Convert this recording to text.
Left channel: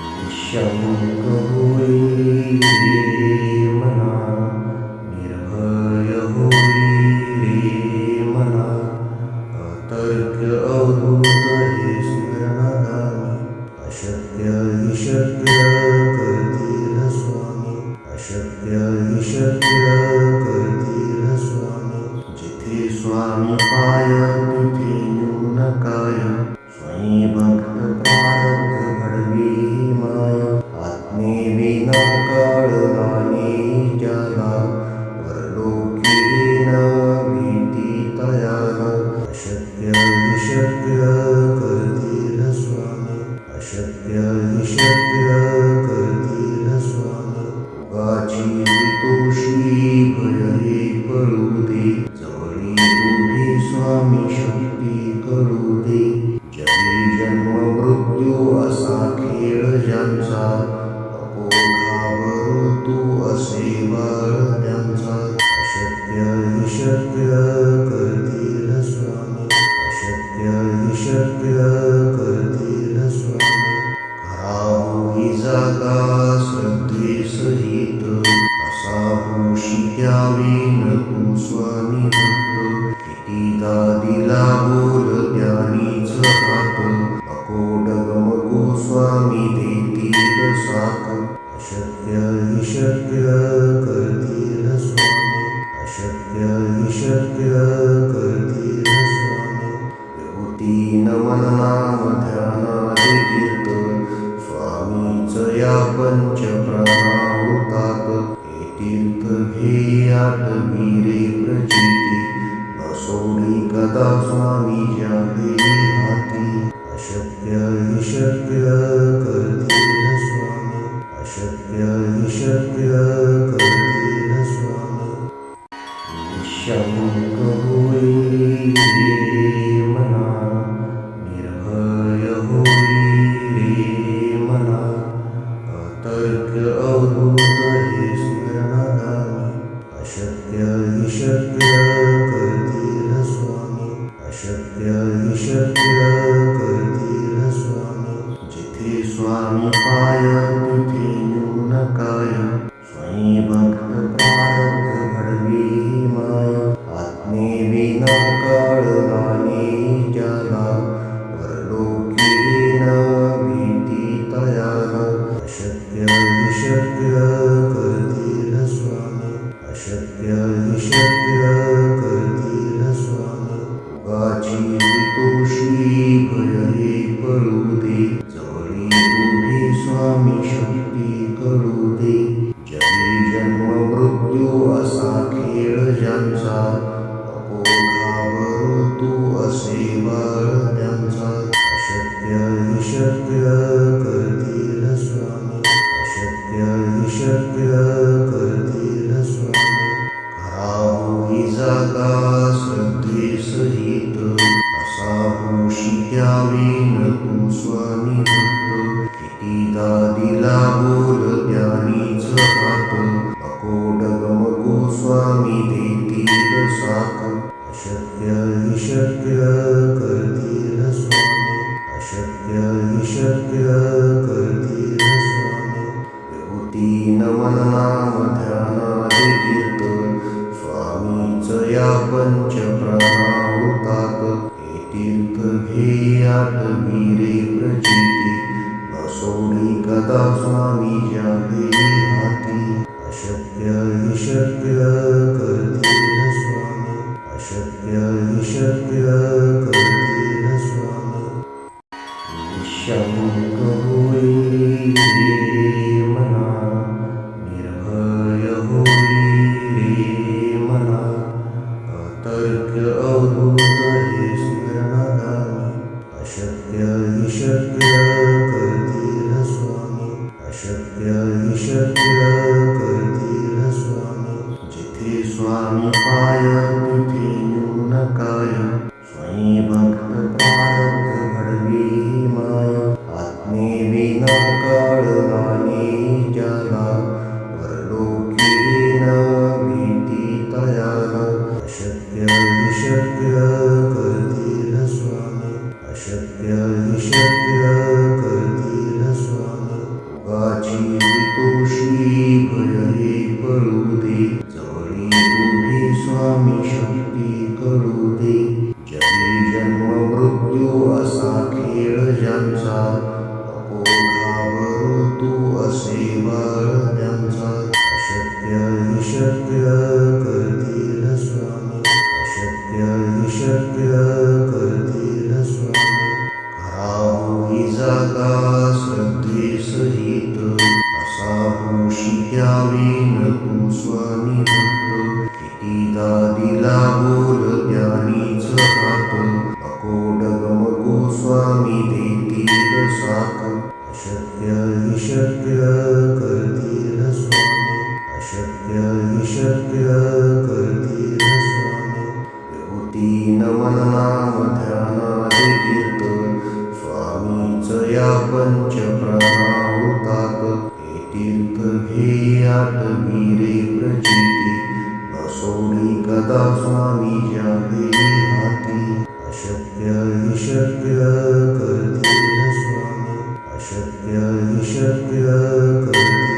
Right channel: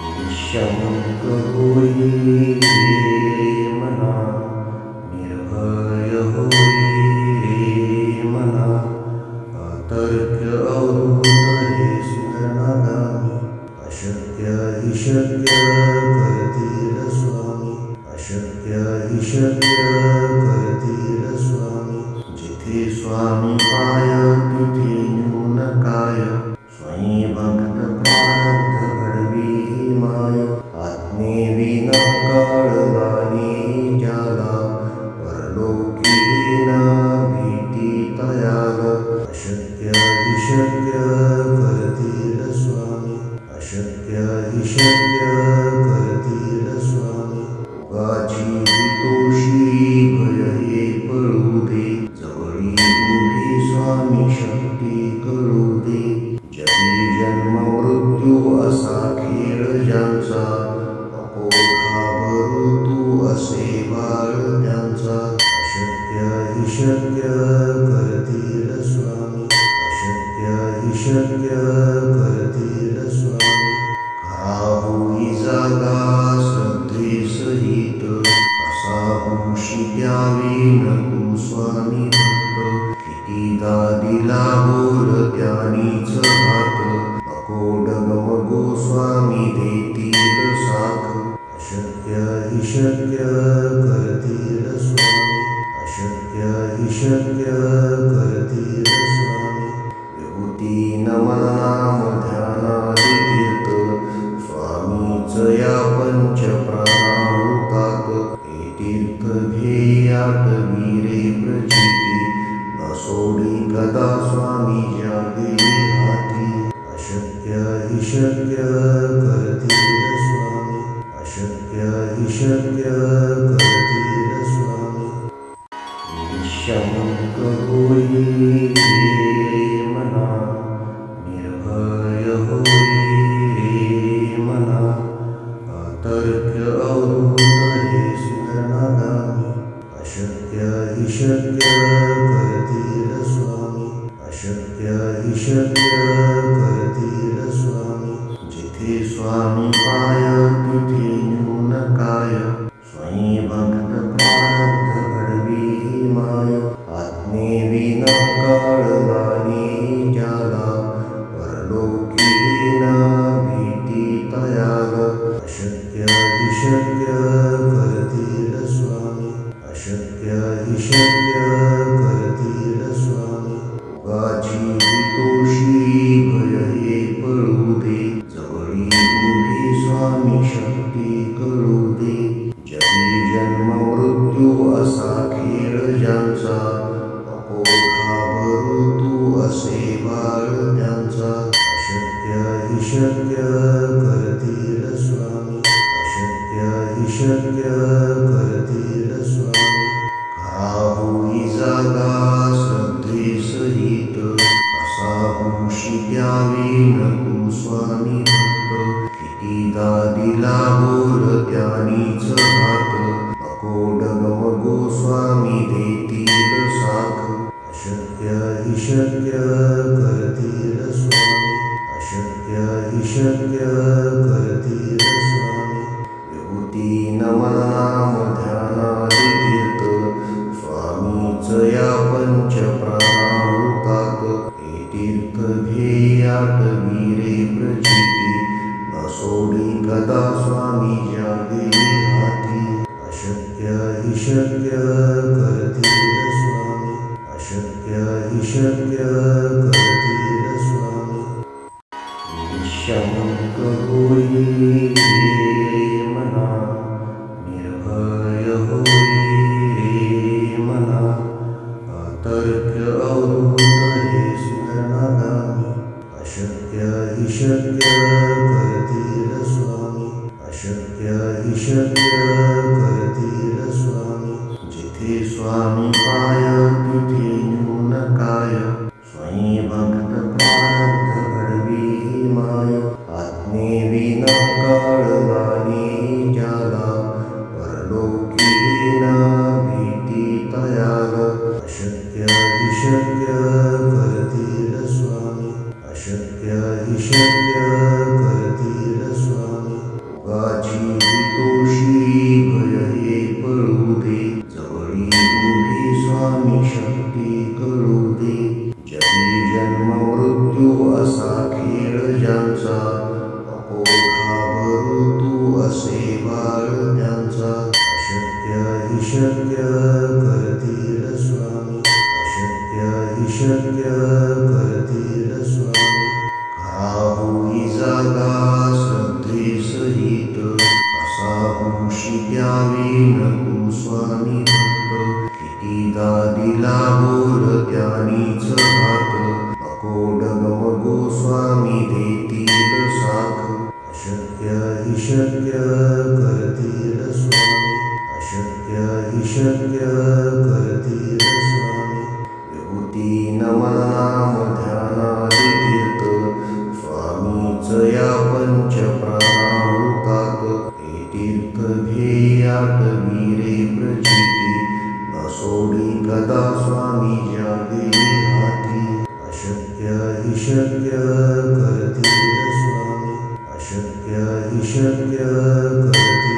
निःशंक होई रे मना, निर्भय होई रे मना, अतर्क्य अवधूत हे स्मरणागामी, अशक्य हि शक्य करतील स्वामी, अशक्य हि शक्य करतील स्वामी. जिथे स्वामी पाय तिथे न्यून काय, स्वयं भक्त प्रारब्ध घडवी ही माय. आत्मेविना कळला नाही ज्याला, परलोकी न भीती तयाला. अशक्य हि शक्य करतील स्वामी, अशक्य हि शक्य करतील स्वामी. उगाची तोषी भय हे पळू दे, जवळी उभी स्वामी शक्ती कळू दे. जगी जन्म मृत्यू असा खेळ ज्यांचा, नको घाबरू तू असे बाळ त्यांचा. अशक्य हि शक्य करतील स्वामी, अशक्य हि शक्य करतील स्वामी. खरा होई जागा श्रद्धे सहित, असा होशी द्यावी न तू स्वामी भक्त. कितीदा दिला बोल त्यानीच हात, नको डगमगू स्वामी देतील साथ. अशक्य हि शक्य करतील स्वामी, अशक्य हि शक्य करतील स्वामी. विभूती नमन नाम ध्यानादि तीर्थ, स्वामीच या पंच प्राणामृतात. हे तीर्थ घेई आठवी रे प्रचिती, न सोडी कदा स्वामी ज्या घेई हाती. अशक्य हि शक्य करतील स्वामी, अशक्य हि शक्य करतील स्वामी. निःशंक होई रे मना, निर्भय होई रे मना, अतर्क्य अवधूत हे स्मरणागामी. अशक्य हि शक्य करतील स्वामी, अशक्य हि शक्य करतील स्वामी. जिथे स्वामी पाय तिथे न्यून काय, स्वयं भक्त प्रारब्ध घडवी ही माय. आत्मेविना कळला नाही ज्याला, परलोकी न भीती तयाला. अशक्य हि शक्य करतील स्वामी, अशक्य हि शक्य करतील स्वामी. उगाची तोषी भय हे पळू दे, जवळी उभी स्वामी शक्ती कळू दे. जगी जन्म मृत्यू असा खेळ ज्यांचा, नको घाबरू तू असे बाळ त्यांचा. अशक्य हि शक्य करतील स्वामी, अशक्य हि शक्य करतील स्वामी. खरा होई जागा श्रद्धे सहित, असा होशी द्यावी न तू स्वामी भक्त. कितीदा दिला बोल त्यानीच हात, नको डगमगू स्वामी देतील साथ. अशक्य हि शक्य करतील स्वामी, अशक्य हि शक्य करतील स्वामी. विभूती नमन नाम ध्यानादि तीर्थ, स्वामीच या पंच प्राणामृतात. हे तीर्थ घेई आठवी रे प्रचिती, न सोडी कदा स्वामी ज्या घेई हाती. अशक्य हि शक्य करतील स्वामी, अशक्य हि शक्य करतील स्वामी. निःशंक होई रे मना, निर्भय होई रे मना, अतर्क्य अवधूत हे स्मरणागामी. अशक्य हि शक्य करतील स्वामी, अशक्य हि शक्य करतील स्वामी. जिथे स्वामी पाय तिथे न्यून काय, स्वयं भक्त प्रारब्ध घडवी ही माय. आत्मेविना कळला नाही ज्याला, परलोकी न भीती तयाला. अशक्य हि शक्य करतील स्वामी, अशक्य हि शक्य करतील स्वामी. भोगाची भीतोशी भय हे पळू दे, जवळी उभी स्वामी शक्ती कळू दे. जगी जन्म मृत्यू असा खेळ ज्यांचा, नको घाबरू तू असे बाळ त्यांचा. अशक्य हि शक्य करतील स्वामी, अशक्य हि शक्य करतील स्वामी. खरा होई जागा श्रद्धेसहित, कसा होशी त्यावेन तू स्वामी भक्त. कितीदा दिला बोल त्यानीच हात, नको डगमगू स्वामी देतील साथ. अशक्य हि शक्य करतील स्वामी, अशक्य हि शक्य करतील स्वामी. विभूती नमन नाम ध्यानादि तीर्थ, स्वामीच या पंच प्राणामृतात. हे तीर्थ घे आठवी रे प्रचिती, न सोडी कदा स्वामी ज्यावे हाती. अशक्य हि शक्य करतील स्वामी, अशक्य हि शक्य करतील